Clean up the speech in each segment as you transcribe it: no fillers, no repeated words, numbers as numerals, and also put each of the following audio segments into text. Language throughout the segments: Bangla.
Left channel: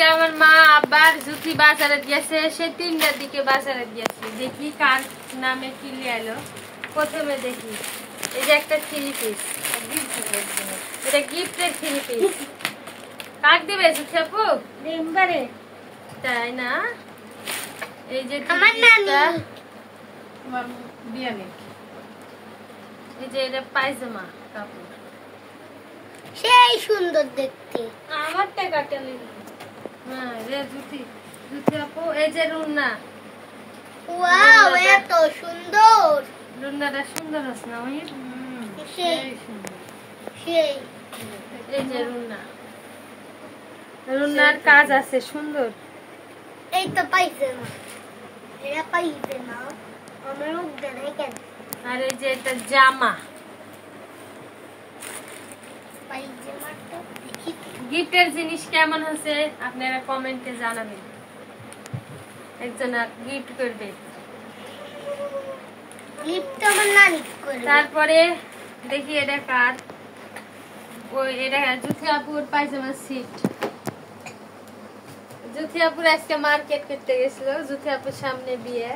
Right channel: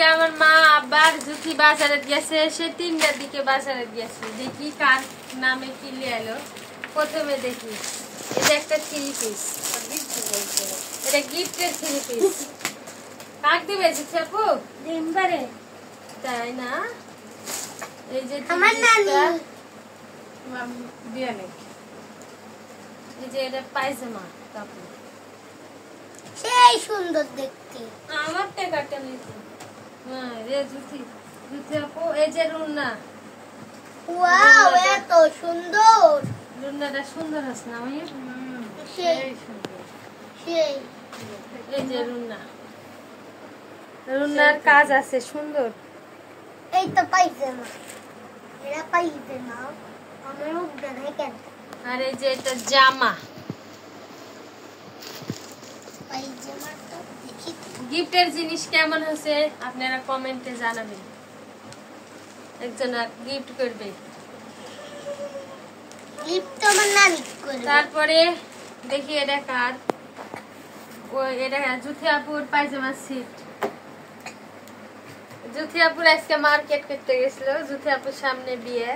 আজকে আমার মা আবার জুতি বাজারে গেছে, সে 3টার দিকে বাজারে গেছে। দেখি কার নামে কি নিয়ে এলো। প্রথমে দেখি এই যে একটা 3 পিস, এটা গিফটের 3 পিস। কাক দিবে জুতি আপু? ডিম্বারে তাই না? এই যে আমার নানি বিয়ানি, এই যে এটা পায়জামা কাপড়, সেই সুন্দর দেখতে। আমার টাকাটা নেই। হ্যাঁ রে জুতি, জুতি আপু। এই যে রুন্না, ওয়াও এত সুন্দর। রুন্নাটা সুন্দর আছে না? ওই সেই সেই এই যে রুন্না, রুন্নার কাজ আছে সুন্দর। এই তো পাইছে না, এটা পাইছে না। আমার মুখ দেখাই কেন? আর এই যে এটা জামা, পাইছে না তো দেখি। গিফটের জিনিস কেমন হয়েছে আপনারা কমেন্টে জানাবেন। একজন গিফট করবে। লিপটা আমার নানি করবে। তারপরে দেখি এটা কার, ওই এটা জুথি আপুর পায়জামা সেট। জুথি আপুর আজকে মার্কেট করতে গেছিল, জুথি আপুর সামনে বিয়ে।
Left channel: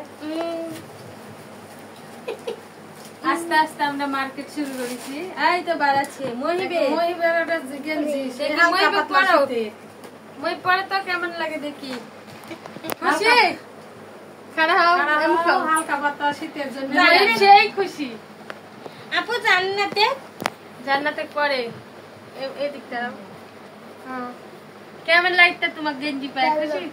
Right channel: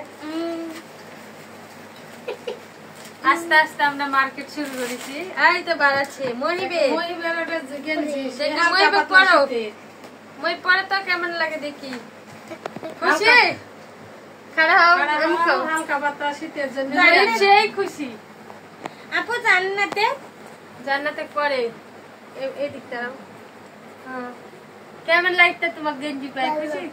আস্তে আস্তে আমরা মার্কেট শুরু করেছি। এই তো বাড়াচ্ছে মহিবে, মহিবে পড়ো, মই পড়ে তো কেমন লাগে দেখি। খুশি খারাপ হালকা পাতলা শীতের জন্য সেই খুশি। আপু জান্নাতে জান্নাতে করে এই দিকটা। হ্যাঁ কেমন লাগতো তোমার গেঞ্জি পায়? খুশি?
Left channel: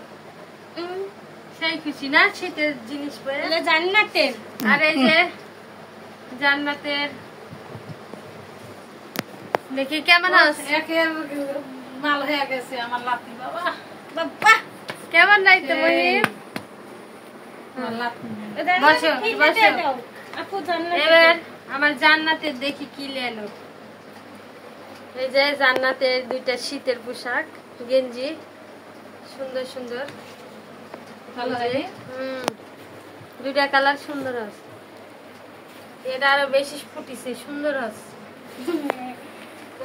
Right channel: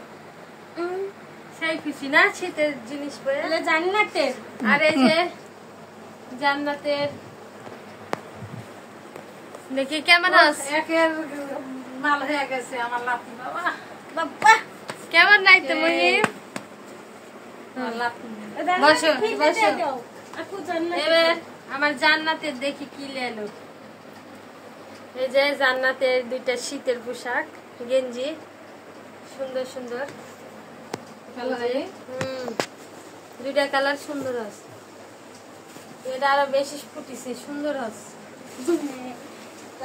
সেই খুশি না শীতের জিনিস পরে? এটা জান্নাতে। আর এই যে জান্নাতের দেখি কেমন আছে। একের মাল হয়ে গেছে আমার লাতি বাবা। বাবা কেমন লাগতো মহিম? বসো বসো। আপু জান্নাতে। এবার আমার জান্নাতের দেখি কি লেলো। এই যে জান্নাতের 2টা শীতের পোশাক, গেঞ্জি সুন্দর সুন্দর। দুইটা কালার সুন্দর আছে। এটা আরো বেশি ফুটিছে, সুন্দর আছে।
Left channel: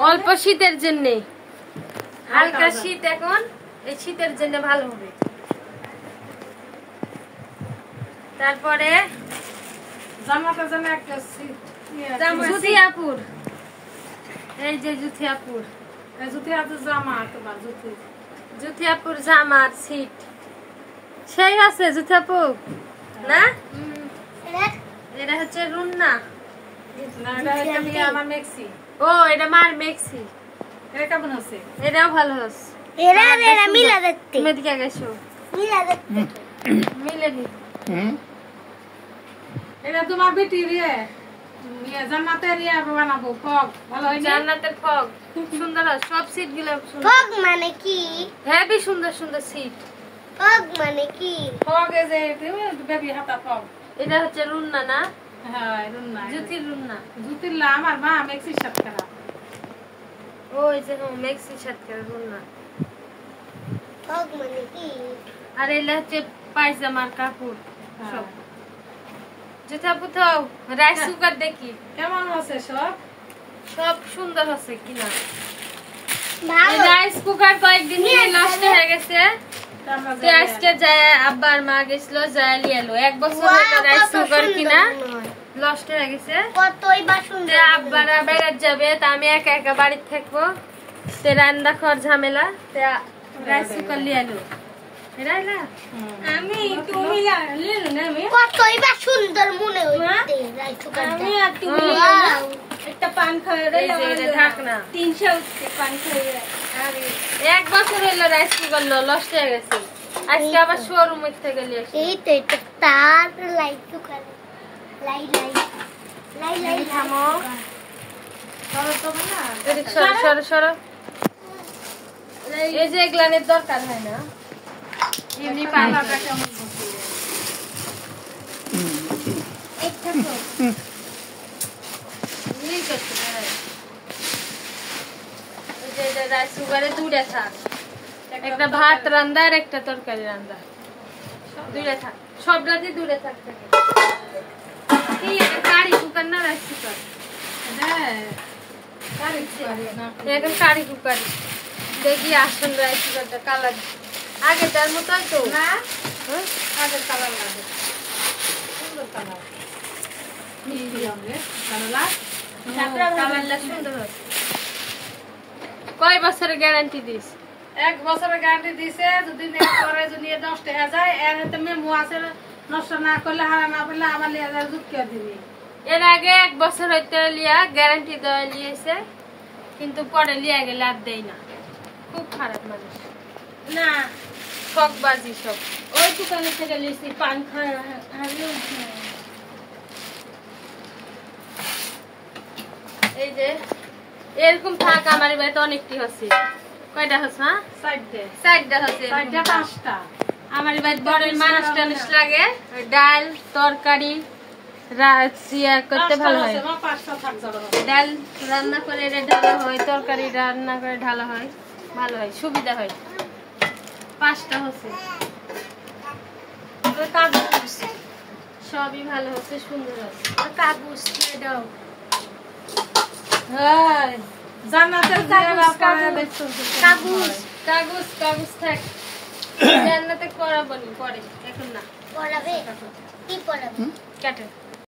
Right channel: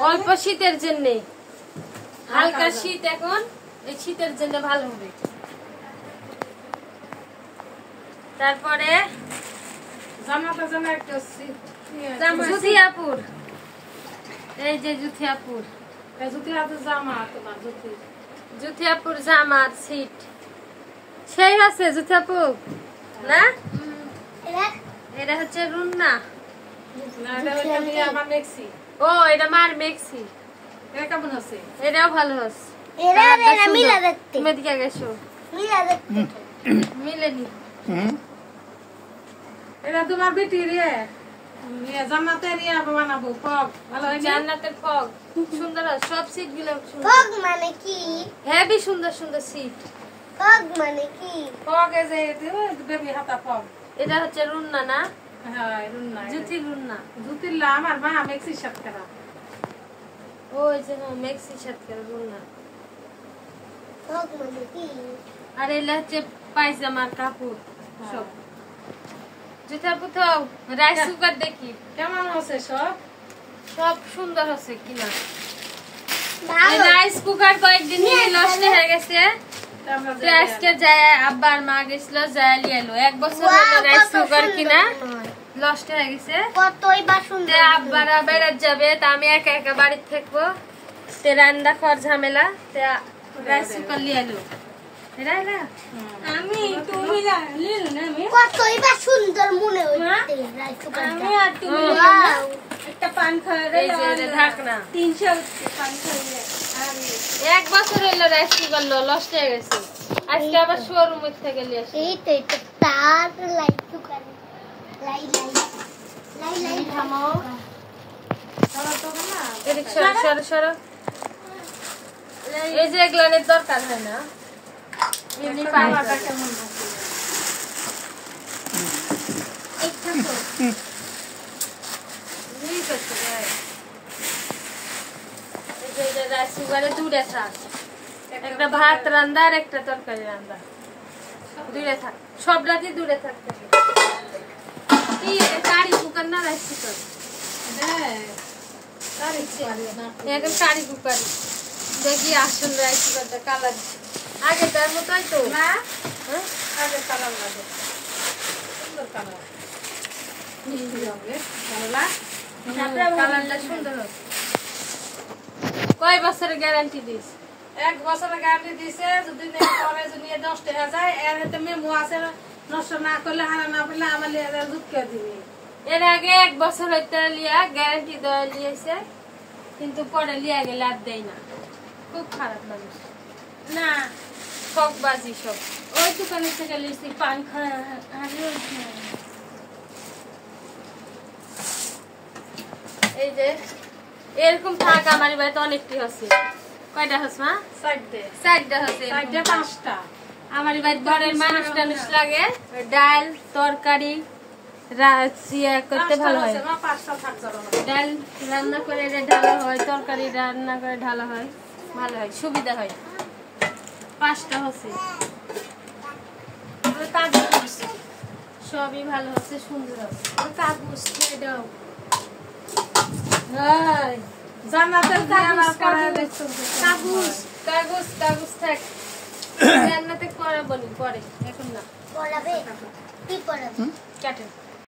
অল্প শীতের জন্য, হালকা শীত এখন, এই শীতের জন্য ভালো হবে। তারপরে জামাটার জন্য একটা জুথি আপুর, এই যে জুথি আপুর, জুতি হাতে জামা, তোমার জুতি জুথি আপুর জামার সিট সেই আছে। জুথি আপু না, এটা হচ্ছে রুন্না। আমার মেক্সি। ও এটা মার মেক্সি। এটা কেমন আছে? এটাও ভালো আছে। এরা এরা মিলা দেখতে। তুমি দিকে গেছো মিলা দেখতে। মিলেনি। এটা তোমার বেটি রে জান্নাতের ইয়া বানাবো ফগ। ভালো হয় না? জান্নাতের ফগ সুন্দর আছে, সব সিট গুলো সুন্দর। ফগ মানে কি? হেভি সুন্দর সুন্দর সিট। ফগ মানে কি? ফগ এই যে বেবি হাতা ফগ। এটা হচ্ছে রুন্না না? হ্যাঁ রুন্না। জুথির রুন্না। জুতির লা আমার মা মেক্সির সাথে খেলা। ওই যে মেক্সি সাথে রুন্না। ফগ মানে কি? আর এলা হচ্ছে পায়জামার কাপড় সব। জুথা পুথাও রাইস কুকার দেখি কেমন আছে সব? সব সুন্দর আছে কিনা। ভালো। রাইস কুকার কয়েকদিন নষ্ট হয়ে গেছে। আজকে যায় আব্বার মা গেছিল, যায় লিয়ে এলো। 1 বছর হলো রাইস কুকার কিনা, নষ্ট হয়ে গেছে। কতই বাসন। আব্বারা বেড়াত যাবে, তা আমি একা একা বাড়িতে থাকবো, তে রান্না খাওয়ার ঝামেলা, রাইস কুকার লিয়ে এলো। আমি তুমি জানলেন না আমি কতই বা সুন্দর মনে হচ্ছে রাইস কুকার। আমি আর তুমি একটা পান খাওয়া রে। এই যে এটা ঢাকনা 300 পান খাওয়া। আরে 1 বছর হলো রাইস কুকার নষ্ট হয়ে গেছে। আজকে আবার শোরুম থেকে নিয়ে আসি। এই তো এটা তার লাইট কুকার। লাই লাই লাই লাই থামো, সরো তুমি না। এদিক সরো সরো সরো। এই যে এগুলানের দরকার হয় না, এমনি পানিটা কেমন আছে? একটা ঠিক আছে। এই যে রাইস কুকারে 2টা থাক, একটা ভাত রান্না আর একটা তরকারি রান্না, 2টা থাক। সব রাতে 2টা থাকতে হবে। কি এটা কারি কুকার না রাইস কুকার? হ্যাঁ এখন কারি কুকার। দেখি আসুন রাইস করতে কালার আগে তার মতোই তো না হ্যাঁ? আগের কালার লাগে সুন্দর কালার মিষ্টি রঙের কালারটা সুন্দর হবে কয় বছরের গ্যারান্টি দিস 1 বছরের গ্যারান্টি দিছে যদি নেট করে যদি নষ্ট হয়ে যায় এর তো মেমো আছে নষ্ট না করলে হারা না পেলে আবার লিয়ে যায় জুটকে দিবি এর আগে 1 বছর হইতে লিয়া গ্যারান্টি দেওয়া লিয়েছে কিন্তু পরে লিয়া গেলে আর দেয় না খুব খারাপ মানুষ না ঠকবাজি সব ওই দোকানে থেকে লিখছি পান খাওয়া এই যে এরকম থাক আমার বাড়িতে অনেকটি হচ্ছে কয়টা হচ্ছে মা সাইডে 4টা হচ্ছে সাইডে 5টা আমার বাড়িতে বড়ের মানুষ টানুষ লাগে ওই ডাল তরকারি করতে ভালো হয় আমার 5টা থাক জড়ো ডাল রান্না করে এটা ঢালা হয় তরকারি রান্না করে ঢালা হয় ভালো হয় সুবিধা হয় 5টা হচ্ছে কাগজ সবই ভালো হচ্ছে সুন্দর হচ্ছে কাগজ খেয়ে দাও হ্যাঁ জান্নাতের জিয়ারা করে দেখছো কাগজ কাগজ কাগজ থাক জান্নাতে করাবো নি পরে এখন না পড়াবে কি পড়াবে কাটে